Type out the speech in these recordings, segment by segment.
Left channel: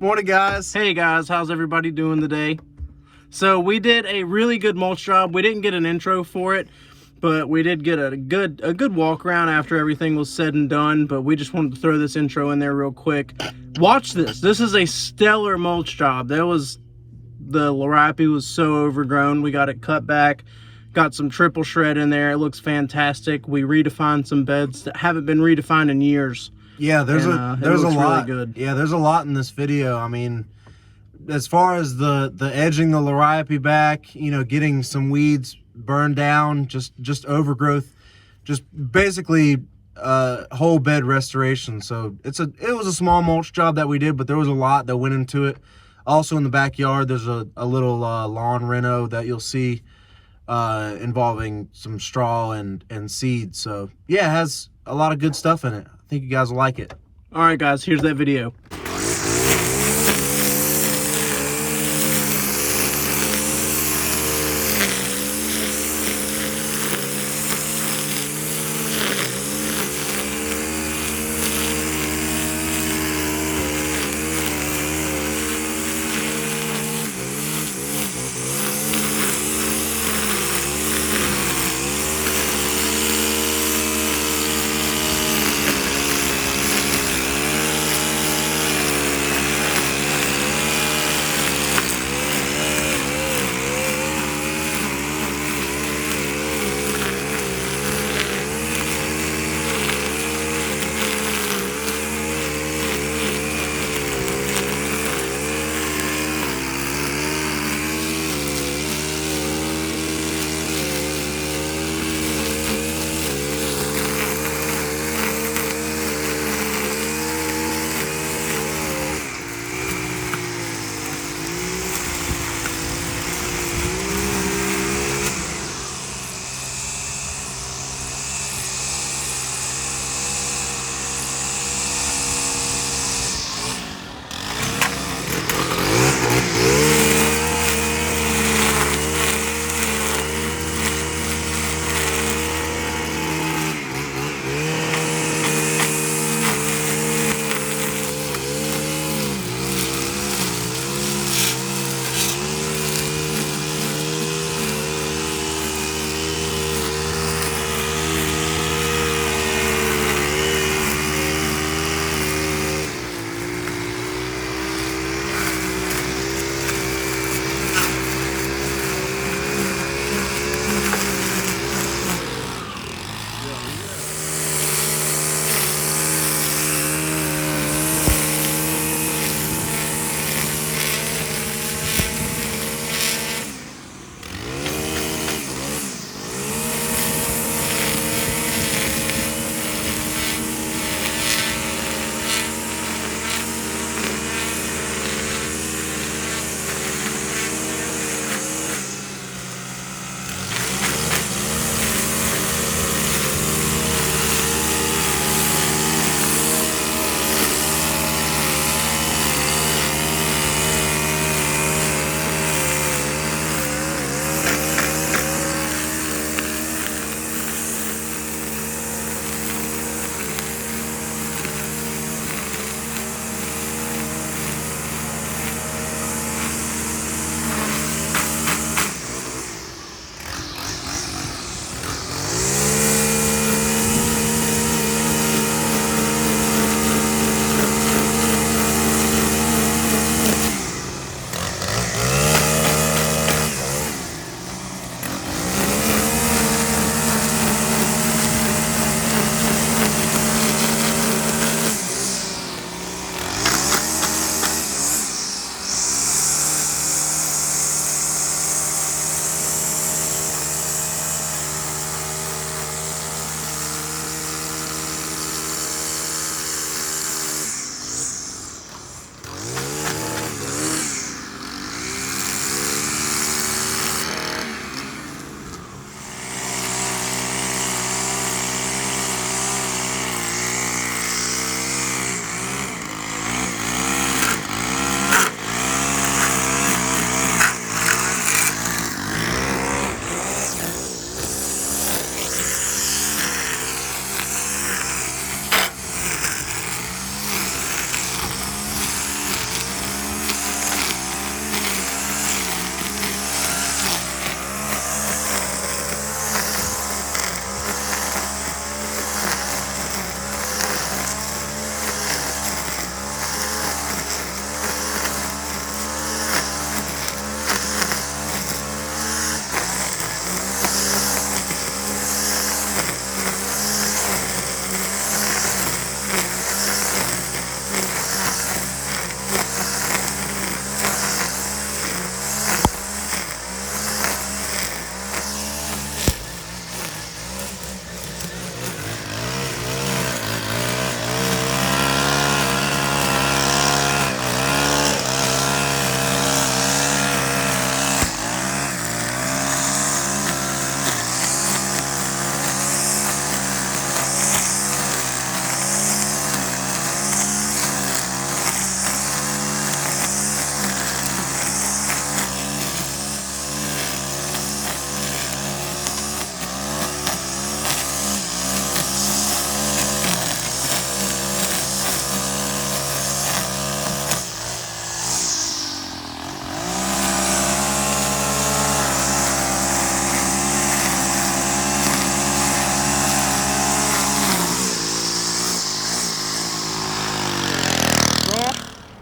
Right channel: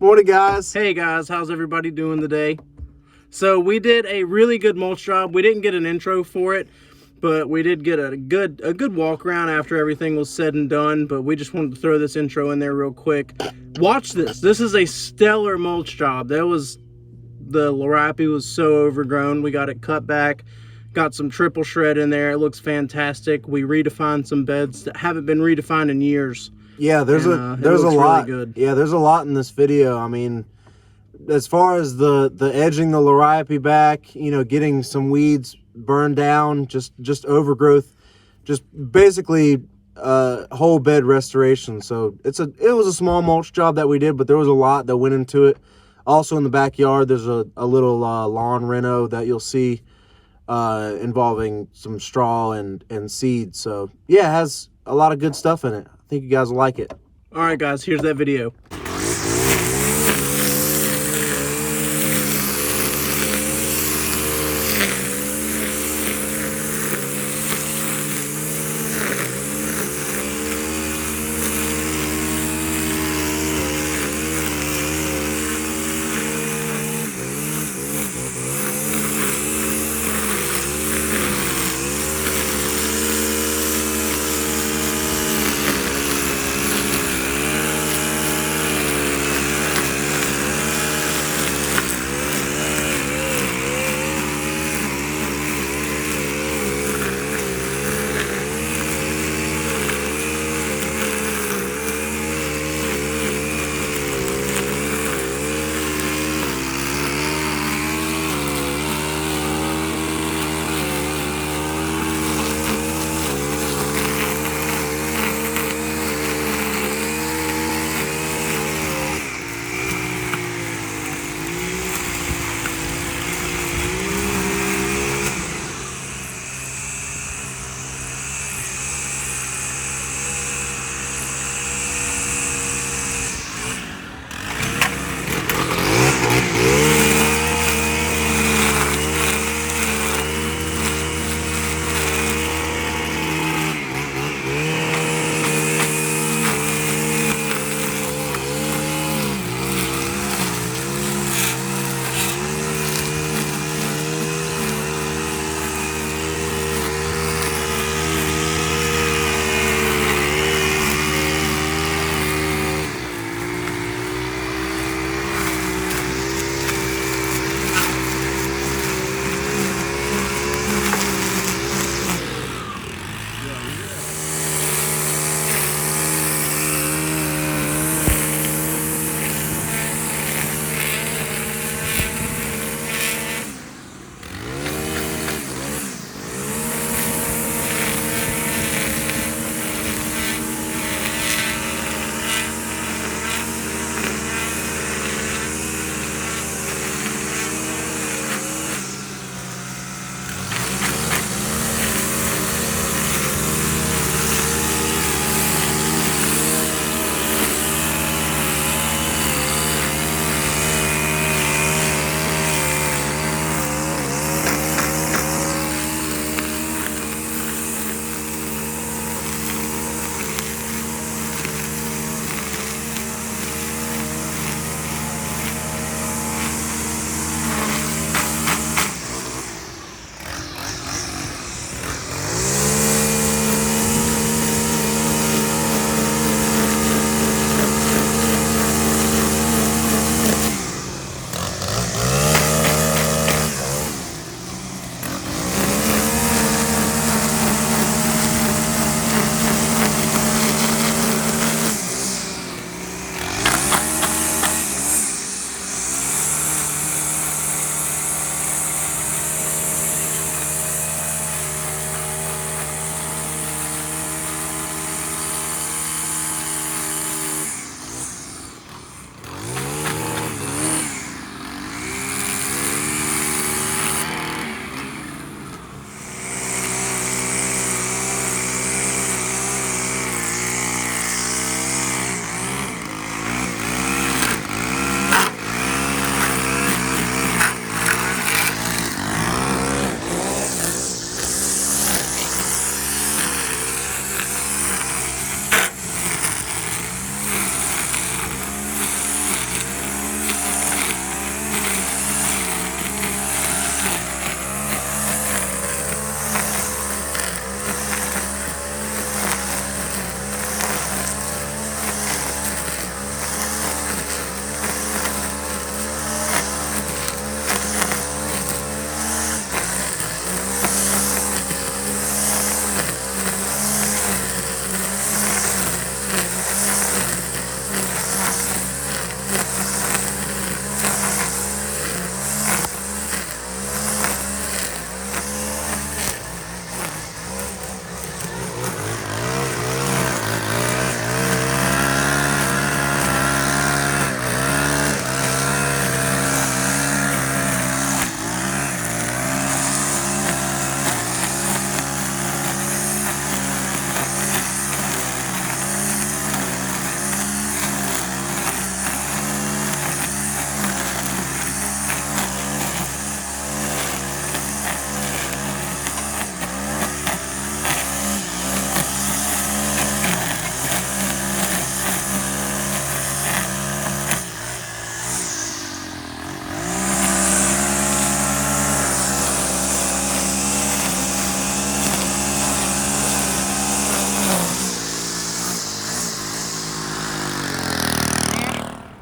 Morning, guys. Hey guys, how's everybody doing today? So we did a really good mulch job. We didn't get an intro for it, but we did get a good walk around after everything was said and done. But we just wanted to throw this intro in there real quick. Watch this. This is a stellar mulch job. The Larapi was so overgrown. We got it cut back, got some triple shred in there. It looks fantastic. We redefined some beds that haven't been redefined in years. Yeah, there's a lot. Really good. Yeah, there's a lot in this video. I mean, as far as the edging the Larapi back, you know, getting some weeds burned down, just overgrowth, just basically whole bed restoration. So it was a small mulch job that we did, but there was a lot that went into it. Also in the backyard, there's a little lawn reno that you'll see involving some straw and seed. So yeah, it has a lot of good stuff in it. I think you guys will like it. All right, guys, here's that video.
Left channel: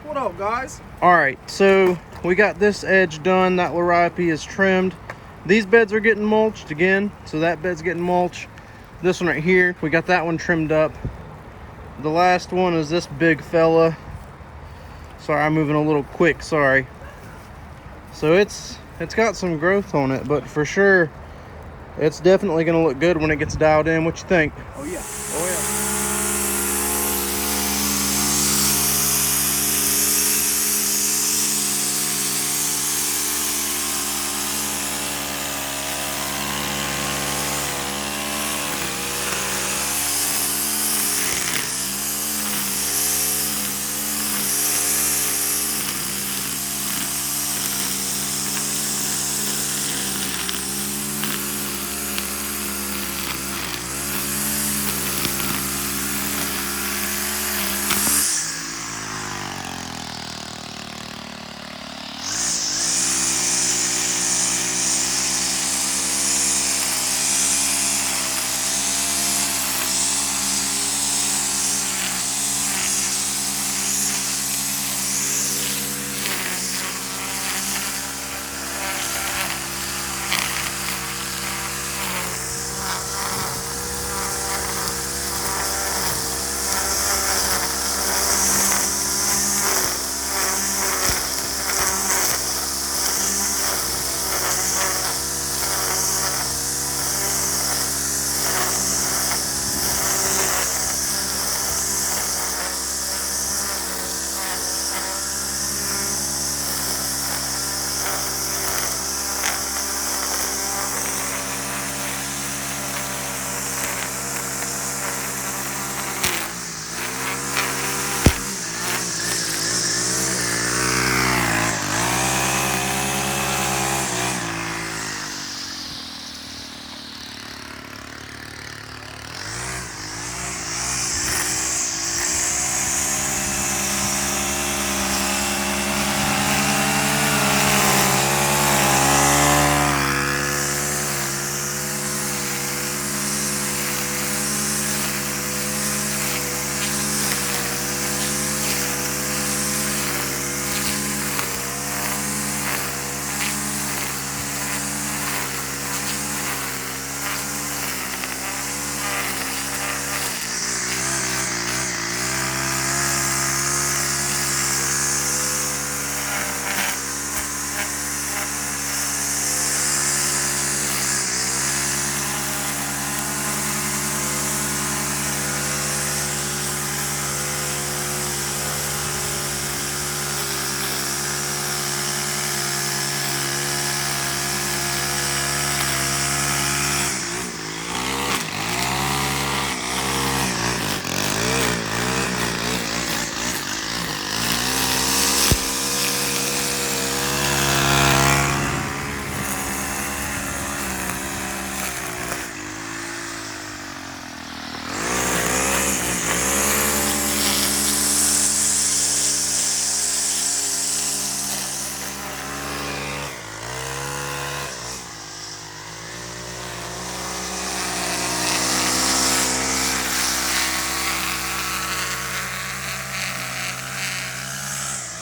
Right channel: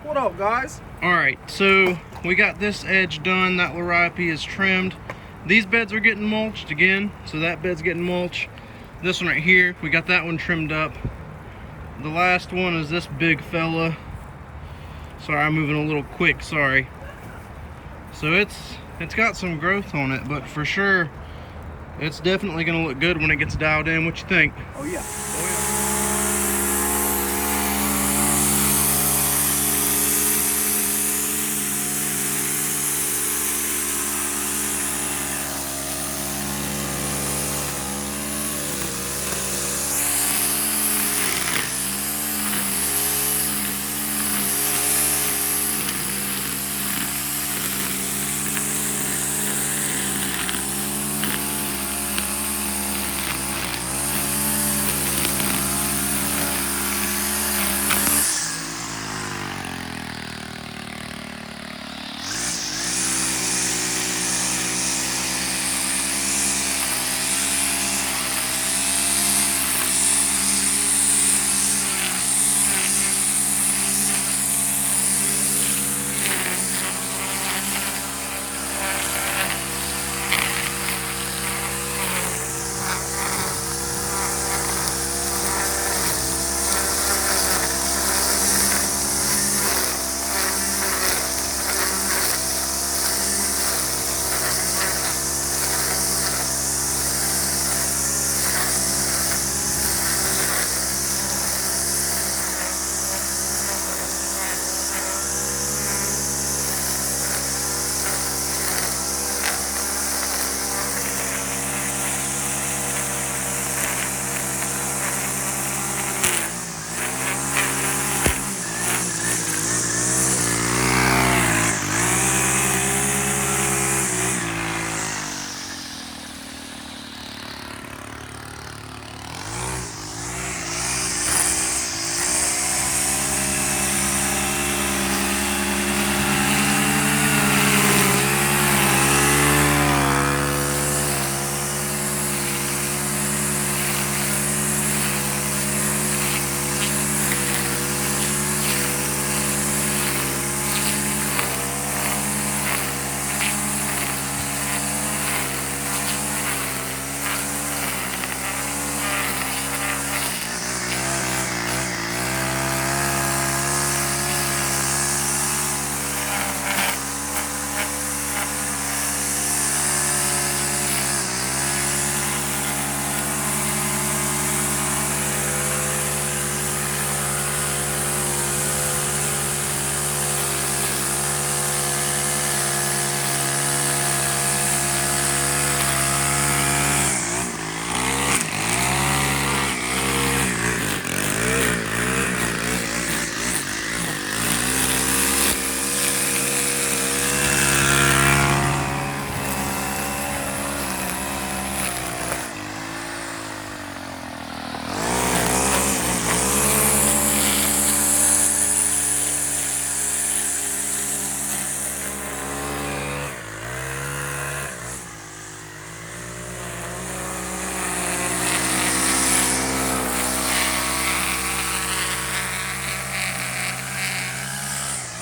What up, guys? Alright, so we got this edge done. That laripe is trimmed. These beds are getting mulched again, so that bed's getting mulched. This one right here, we got that one trimmed up. The last one is this big fella. Sorry, I'm moving a little quick, sorry. So it's got some growth on it, but for sure it's definitely gonna look good when it gets dialed in. What you think? Oh yeah.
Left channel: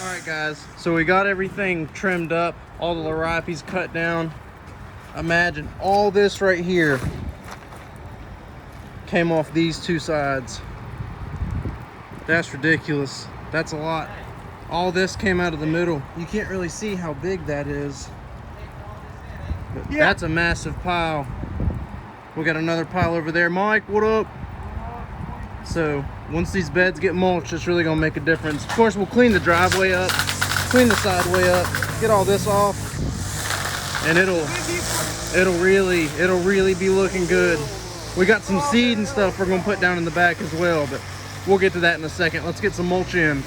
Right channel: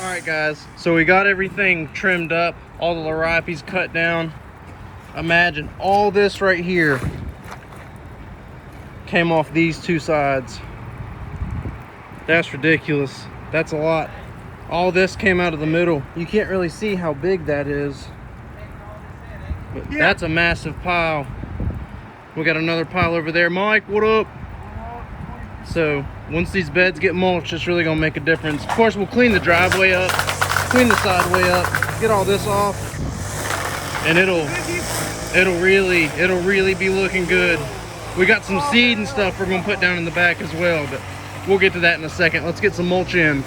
Alright guys, so we got everything trimmed up, all the laripes cut down. Imagine all this right here came off these two sides. That's ridiculous. That's a lot. All this came out of the middle. You can't really see how big that is, but yeah, that's a massive pile. We got another pile over there. Mike, what up? So once these beds get mulched, it's really gonna make a difference. Of course, we'll clean the driveway up, clean the sideway up, get all this off, and it'll really be looking good. We got some seed and stuff we're gonna put down in the back as well, but we'll get to that in a second. Let's get some mulch in.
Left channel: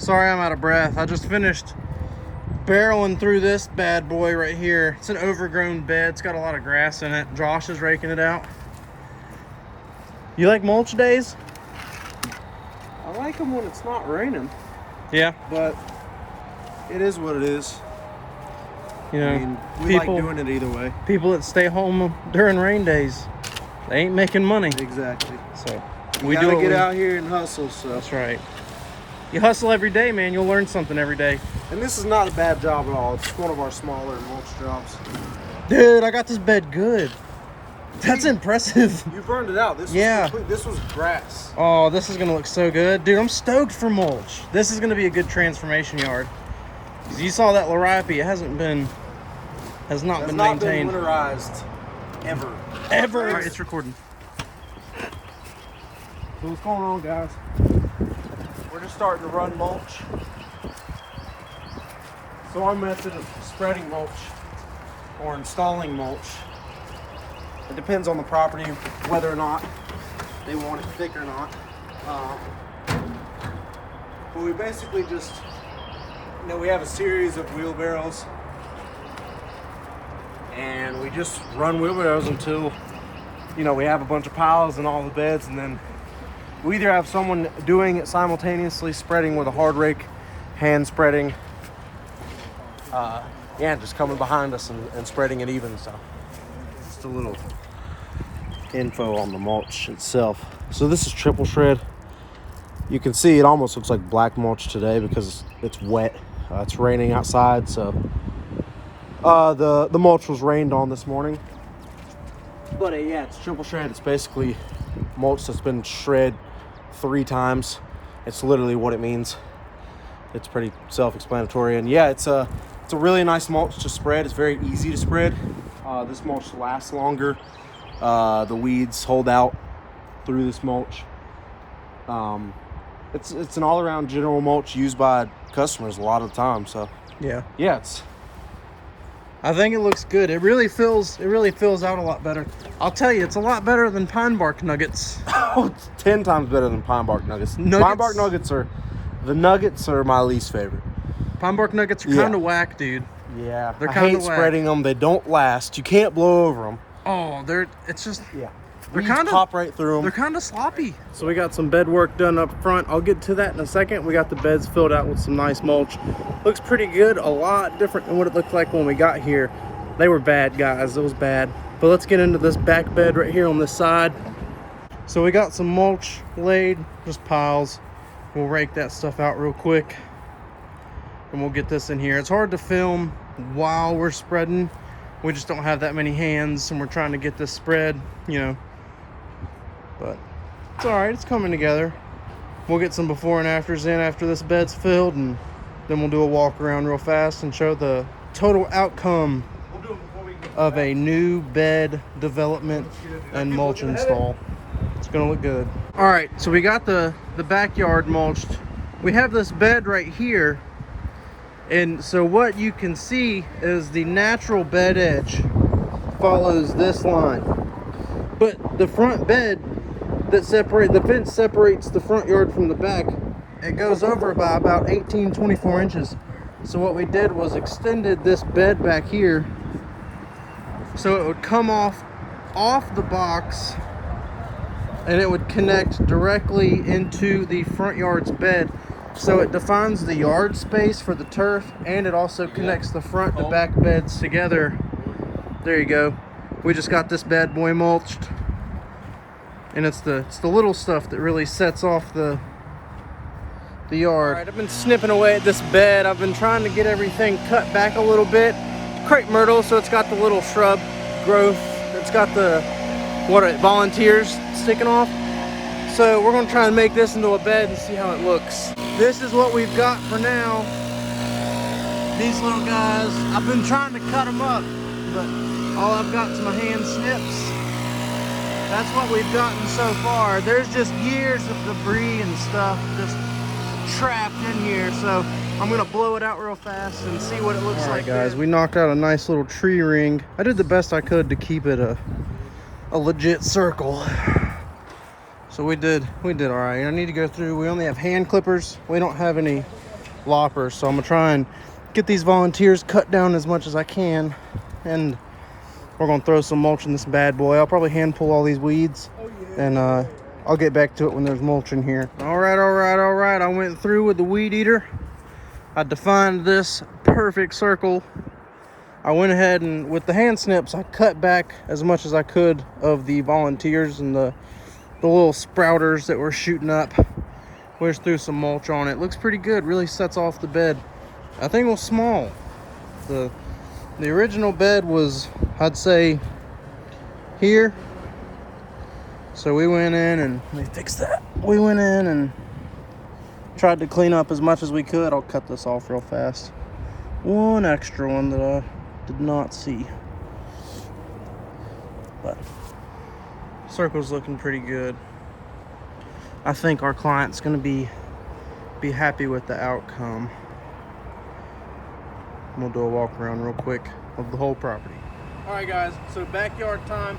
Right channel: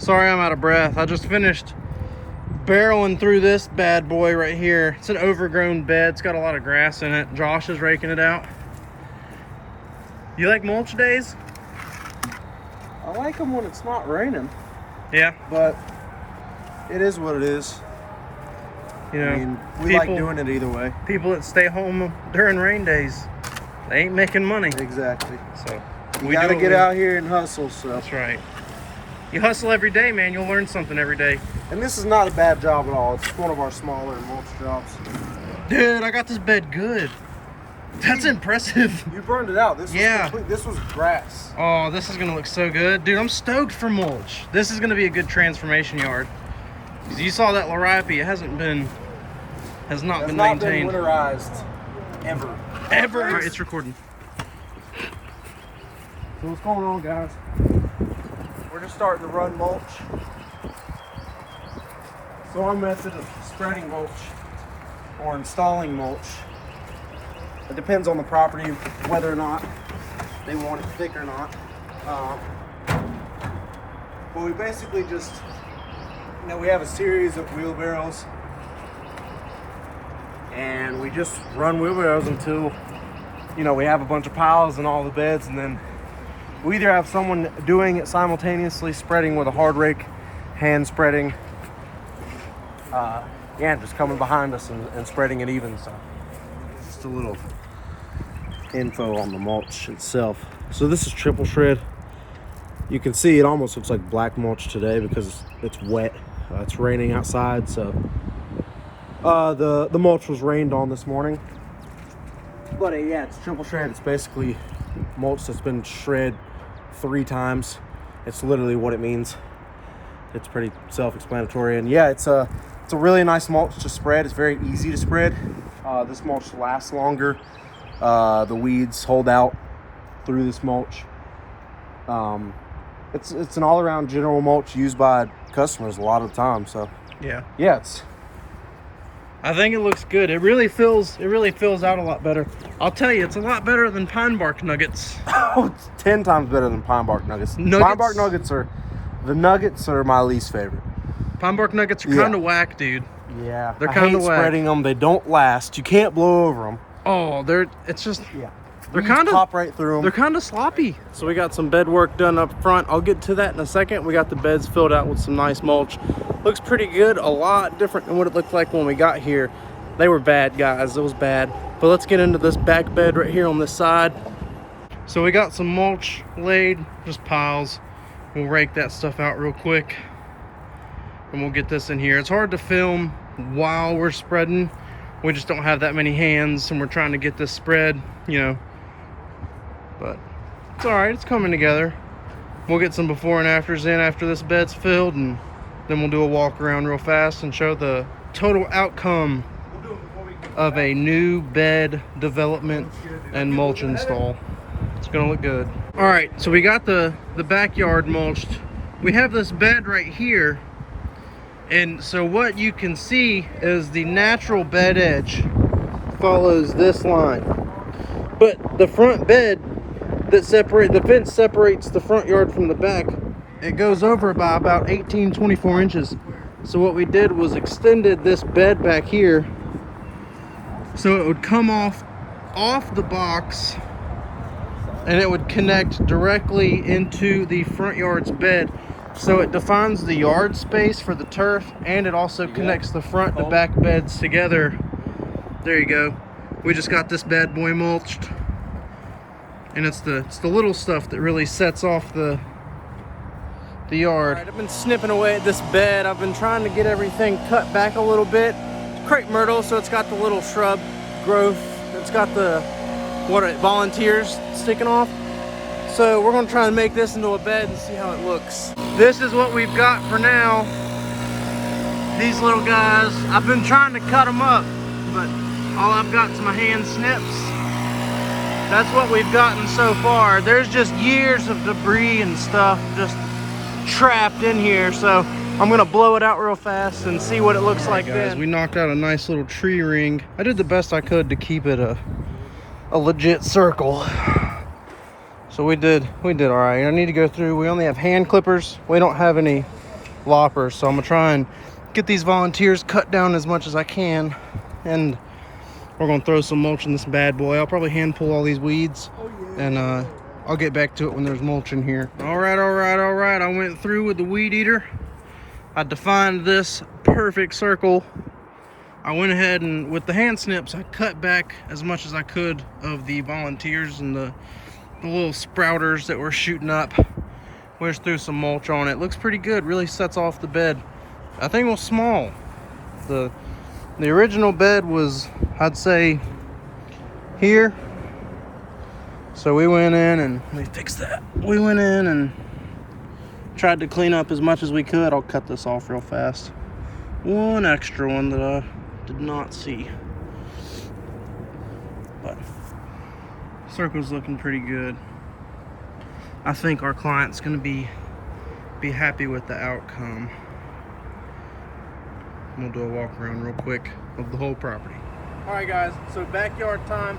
Sorry I'm out of breath. I just finished barreling through this bad boy right here. It's an overgrown bed. It's got a lot of grass in it. Josh is raking it out. You like mulch days? I like them when it's not raining, Yeah. but it is what it is. You know, I mean, we like doing it either way. People that stay home during rain days, they ain't making money. Exactly. So You gotta get out here and hustle, so. That's right. You hustle every day, man. You'll learn something every day. And this is not a bad job at all. It's one of our smaller mulch jobs. Dude, I got this bed good. That's impressive. You burned it out. This was Yeah. complete. This was grass. Oh, this is gonna look so good. Dude, I'm stoked for mulch. This is gonna be a good transformation yard. 'Cause you saw that laripe, it has not been maintained. Winterized ever. Ever. All right, it's recording. So what's going on, guys? We're just starting to run mulch. So our method of spreading mulch or installing mulch, it depends on the property whether or not they want it thick or not. But we basically just, we have a series of wheelbarrows, and we just run wheelbarrows until, we have a bunch of piles in all the beds, and then we either have someone doing it simultaneously, spreading with a hard rake, hand spreading, just coming behind us and spreading it even. So just a little info on the mulch itself. So this is triple shred. You can see it almost looks like black mulch today because it's wet. It's raining outside, so the mulch was rained on this morning. But yeah, it's triple shred. It's basically mulch that's been shred 3 times. It's literally what it means. It's pretty self-explanatory, and yeah, it's a really nice mulch to spread. It's very easy to spread. This mulch lasts longer. The weeds hold out through this mulch. It's an all-around general mulch used by customers a lot of the time. So yeah, I think it looks good. It really fills out a lot better. I'll tell you, it's a lot better than pine bark nuggets. Oh, it's 10 times better than pine bark nuggets. Pine bark nuggets are my least favorite. Pine bark nuggets are kind of whack, dude. Yeah, they're I kind hate of whack. spreading them. They don't last. You can't blow over them. Oh, it's just yeah. They're kind of pop right through them. They're kind of sloppy. So we got some bed work done up front. I'll get to that in a second. We got the beds filled out with some nice mulch. Looks pretty good. A lot different than what it looked like when we got here. They were bad, guys. It was bad. But let's get into this back bed right here on this side. So we got some mulch laid, just piles. We'll rake that stuff out real quick, and we'll get this in here. It's hard to film while we're spreading. We just don't have that many hands, and we're trying to get this spread, but it's all right. It's coming together. We'll get some before and afters in after this bed's filled, and then we'll do a walk around real fast and show the total outcome of a new bed development and mulch install. It's gonna look good. All right, so we got the backyard mulched. We have this bed right here, and so what you can see is the natural bed edge follows this line, but the front bed the fence separates the front yard from the back. It goes over by about 18-24 inches. So what we did was extended this bed back here so it would come off the box, and it would connect directly into the front yard's bed. So it defines the yard space for the turf, and it also connects the front to back beds together. There you go. We just got this bad boy mulched, and it's the little stuff that really sets off the yard. All right, I've been snipping away at this bed. I've been trying to get everything cut back a little bit. Crepe myrtle, so it's got the little shrub growth. It's got the volunteers sticking off. So we're gonna try and make this into a bed and see how it looks. This is what we've got for now. These little guys, I've been trying to cut them up, but all I've got is my hand snips. That's what we've gotten so far. There's just years of debris and stuff just trapped in here, so I'm gonna blow it out real fast and see what it looks like. Guys, we knocked out a nice little tree ring. I did the best I could to keep it a legit circle. So we did all right. I need to go through. We only have hand clippers. We don't have any loppers. So I'm gonna try and get these volunteers cut down as much as I can, and we're gonna throw some mulch in this bad boy. I'll probably hand pull all these weeds, and I'll get back to it when there's mulch in here. All right. I went through with the weed eater. I defined this perfect circle. I went ahead and with the hand snips, I cut back as much as I could of the volunteers and the little sprouters that were shooting up. We just threw some mulch on it. Looks pretty good, really sets off the bed. I think it was small. The original bed was, I'd say, here. So we went in and, let me fix that. We went in and tried to clean up as much as we could. I'll cut this off real fast. One extra one that I did not see. But circle's looking pretty good. I think our client's gonna be happy with the outcome. We'll do a walk around real quick of the whole property. All right, guys, so backyard time.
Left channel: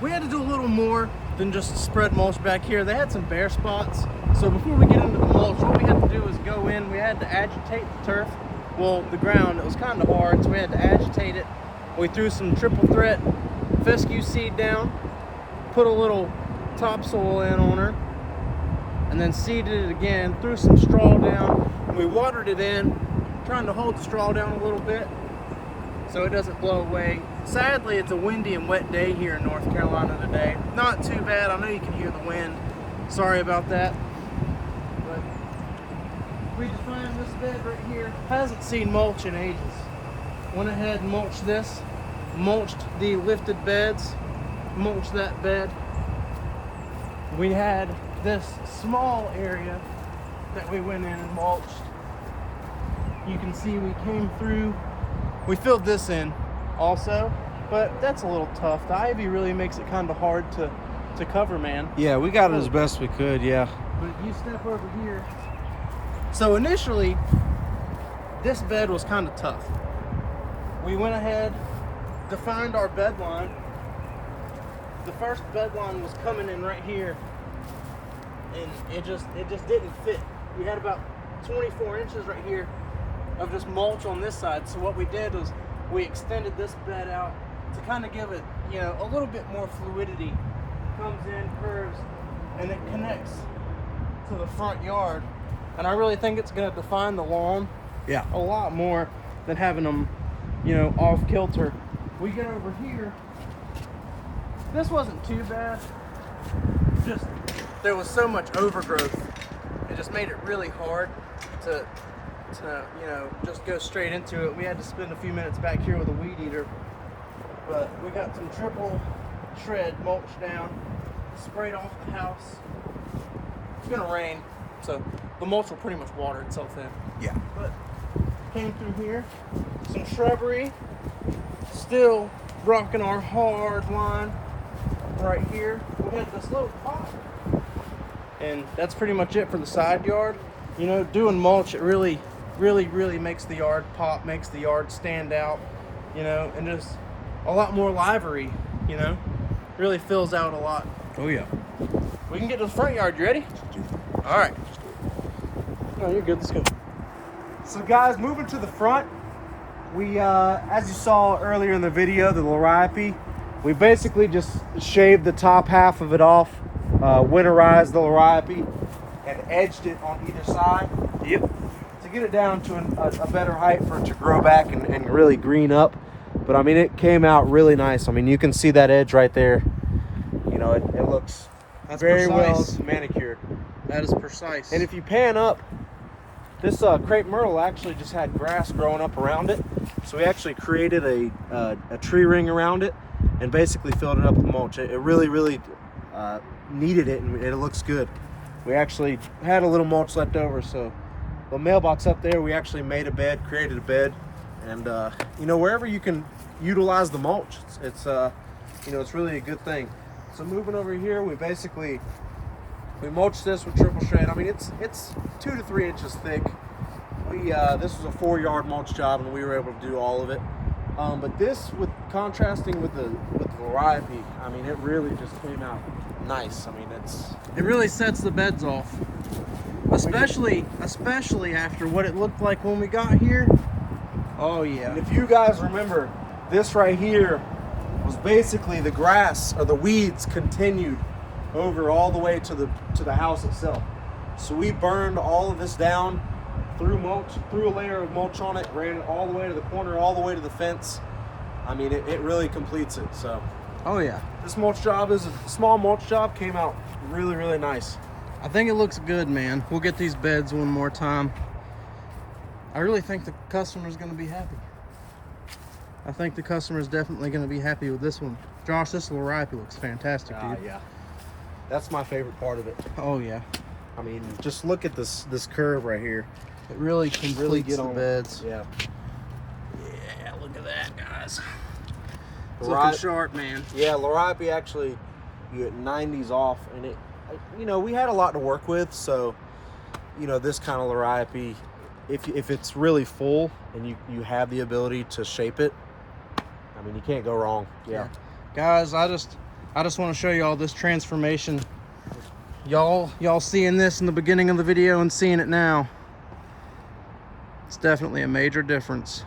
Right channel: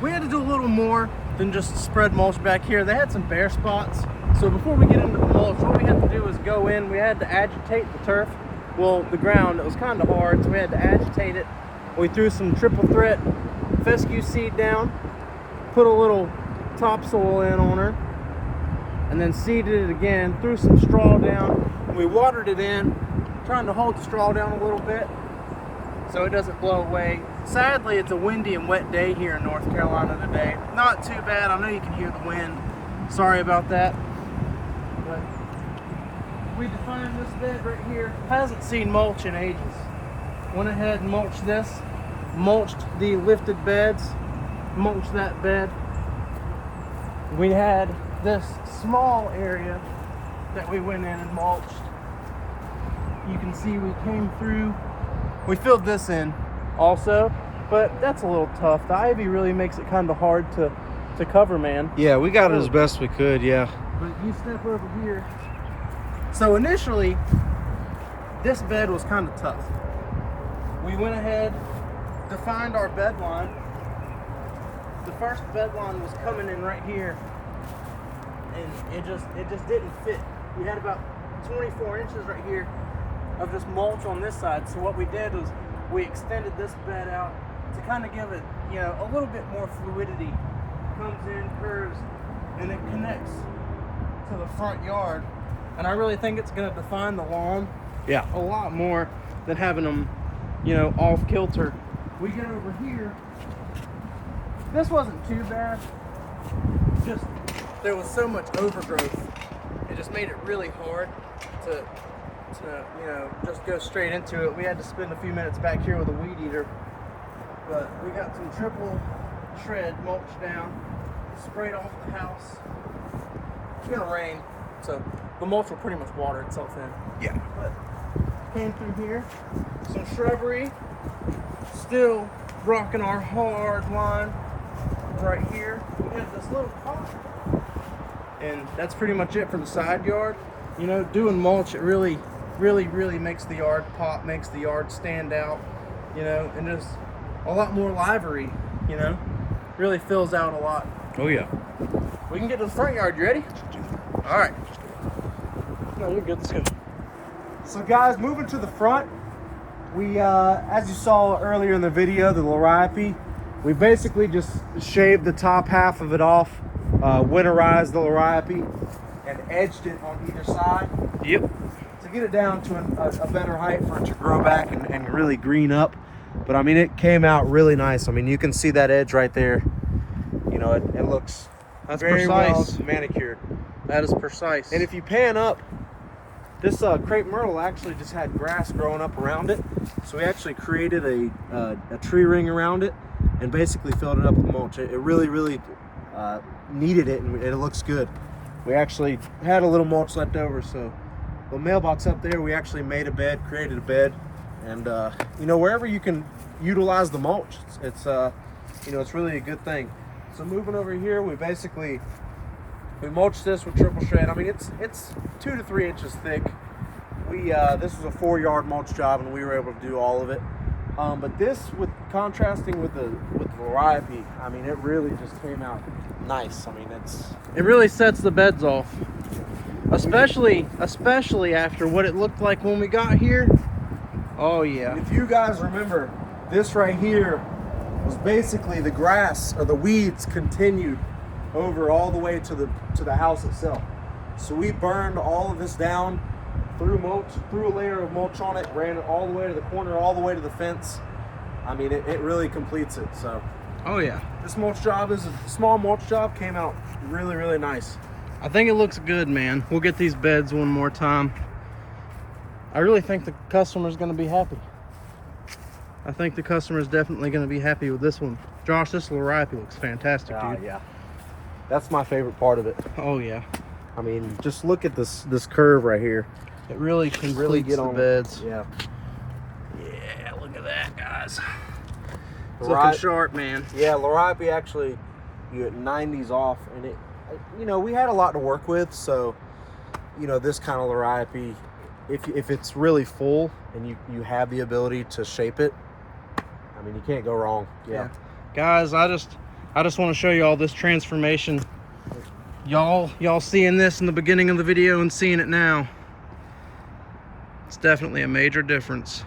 We had to do a little more than just spread mulch back here. They had some bare spots. So before we get into the mulch, what we had to do is go in. We had to agitate the turf. Well, the ground, it was kind of hard, so we had to agitate it. We threw some triple threat fescue seed down, put a little topsoil in on her, and then seeded it again, threw some straw down. We watered it in, trying to hold the straw down a little bit so it doesn't blow away. Sadly, it's a windy and wet day here in North Carolina today. Not too bad. I know you can hear the wind. Sorry about that. But we defined this bed right here. Hasn't seen mulch in ages. Went ahead and mulched this. Mulched the lifted beds. Mulched that bed. We had this small area that we went in and mulched. You can see we came through. We filled this in also, but that's a little tough. The ivy really makes it kind of hard to cover, man. Yeah, we got it as best we could, yeah. But you step over here. So initially, this bed was kind of tough. We went ahead, defined our bed line. The first bed line was coming in right here, and it just didn't fit. We had about 24 inches right here of just mulch on this side. So what we did was we extended this bed out to kind of give it, you know, a little bit more fluidity. Comes in, curves, and it connects to the front yard. And I really think it's going to define the lawn, Yeah, a lot more than having them, you know, off kilter. We get over here. This wasn't too bad. Just there was so much overgrowth. It just made it really hard to you know, just go straight into it. We had to spend a few minutes back here with a weed eater. But we got some triple shred mulch down, sprayed off the house. It's gonna rain, so the mulch will pretty much water itself in. yeah. But came through here, some shrubbery, still rocking our hard line right here. We had this little pop, and that's pretty much it for the side yard. You know, doing mulch, it really makes the yard pop, makes the yard stand out, you know, and there's a lot more livery, you know, really fills out a lot. Oh yeah. We can get to the front yard. You ready? All right. No, you're good. Let's go. So guys, moving to the front, we, as you saw earlier in the video, the liripe, we basically just shaved the top half of it off, winterized the liripe, and edged it on either side. Yep. To get it down to a better height for it to grow back and really green up. But I mean, it came out really nice. I mean, you can see that edge right there. You know, it looks That's very precise. well manicured. That is precise. And if you pan up, this crepe myrtle actually just had grass growing up around it. So we actually created a tree ring around it and basically filled it up with mulch. It really needed it, and it looks good. We actually had a little mulch left over, so the mailbox up there, we actually made a bed, created a bed, and you know, wherever you can utilize the mulch, it's you know, it's really a good thing. So moving over here, we mulched this with triple shred. I mean, it's 2 to 3 inches thick. This was a 4-yard mulch job, and we were able to do all of it. But this, with contrasting with the liripe, I mean, it really just came out nice. I mean, it really sets the beds off. Especially after what it looked like when we got here. Oh yeah. And if you guys remember, this right here was basically the grass or the weeds continued over all the way to the house itself. So we burned all of this down, threw a layer of mulch on it, ran it all the way to the corner, all the way to the fence. I mean, it really completes it. So oh yeah, this mulch job is a small mulch job, came out really, really nice. I think it looks good, man. We'll get these beds one more time. I really think the customer's gonna be happy. I think the customer's definitely gonna be happy with this one. Josh, this laripe looks fantastic, dude. Yeah, that's my favorite part of it. Oh yeah, I mean, just look at this curve right here. it really can really get on beds. Yeah. Yeah, look at that, guys. It's Laripe, looking sharp, man. yeah, laripe actually, you get 90s off, and it, you know, we had a lot to work with, so, you know, this kind of laripe, if it's really full and you have the ability to shape it, I mean, you can't go wrong. Yeah. Guys, I just want to show you all this transformation. Y'all seeing this in the beginning of the video and seeing it now. It's definitely a major difference.